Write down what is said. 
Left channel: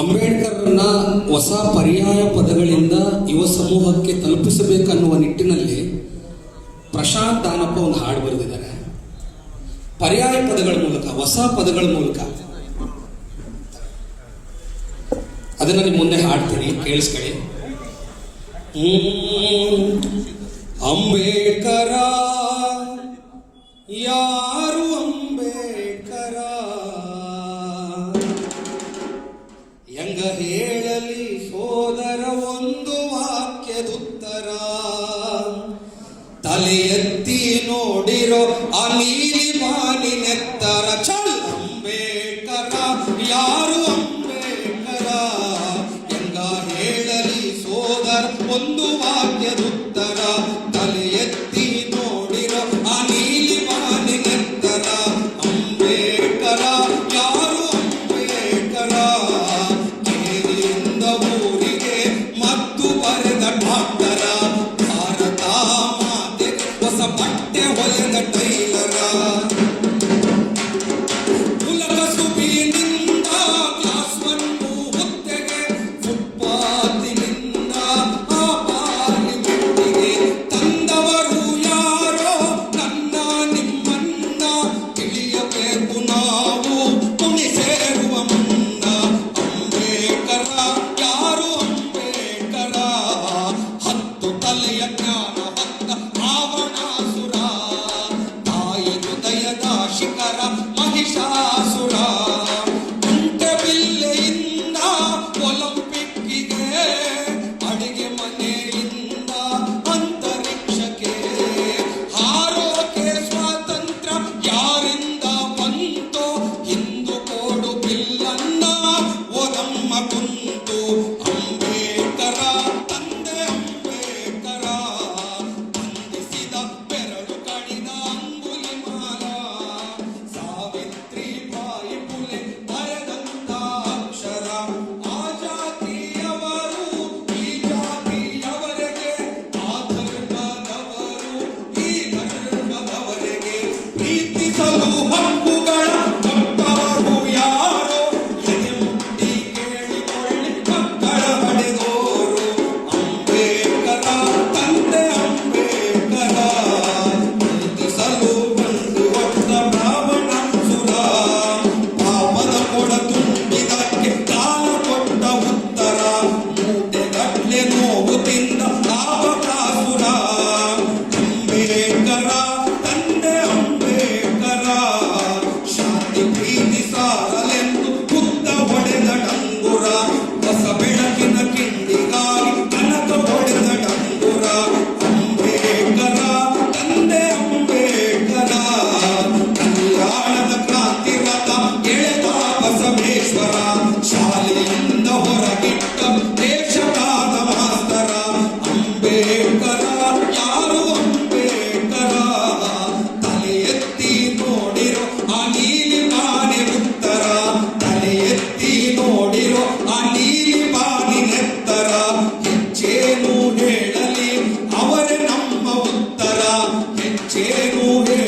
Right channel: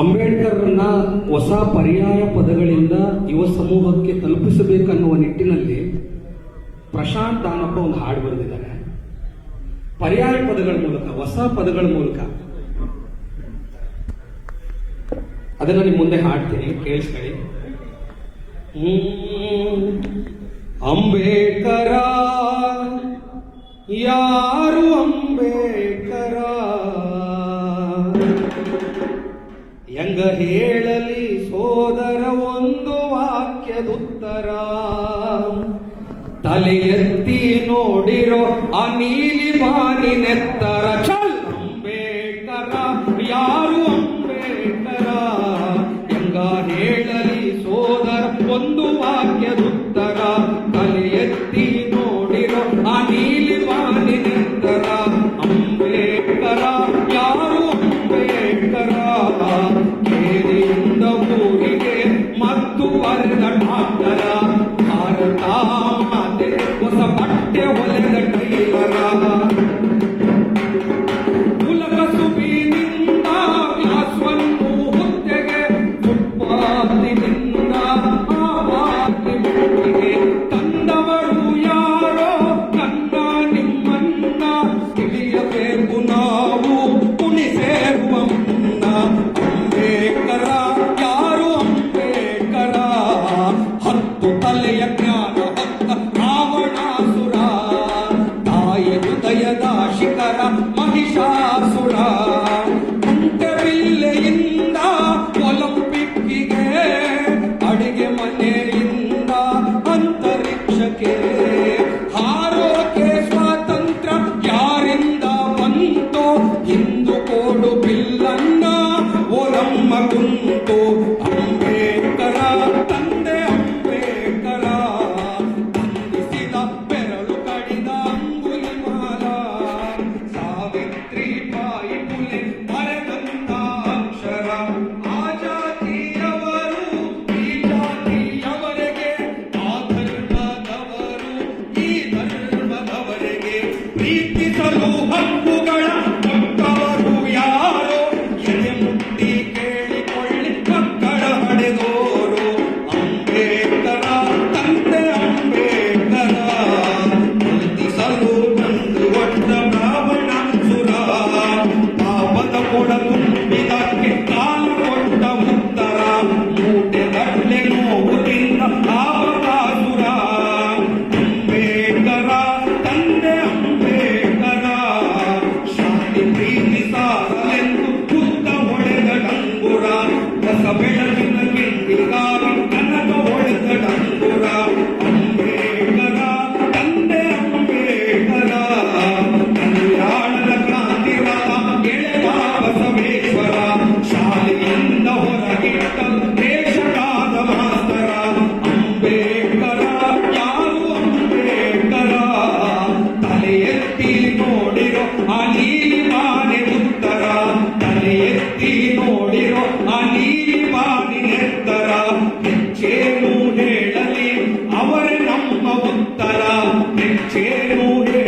ಅಂಬೇಡ್ಕರ್ನ ಹೊಸ ಪರ್ಯಾಯ ಪದಗಳಿಂದ ಯುವ ಸಮೂಹಕ್ಕೆ ತಲುಪಿಸಬೇಕನ್ನುವ ನಿಟ್ಟಿನಲ್ಲಿ ಪ್ರಶಾಂತ್ ದಾನಪ್ಪ ಒಂದು ಹಾಡು ಬರೆದಿದ್ದಾರೆ. ಪರ್ಯಾಯ ಪದಗಳ ಮೂಲಕ, ಹೊಸ ಪದಗಳ ಮೂಲಕ. ಅದನ್ನ ನಿಮ್ಮ ಮುಂದೆ ಹಾಡ್ತೀನಿ, ಕೇಳಿಸ್ಕೊಳ್ಳಿ. ಅಂಬೇಡ್ಕರ ಯಾ Bill. Aleluia.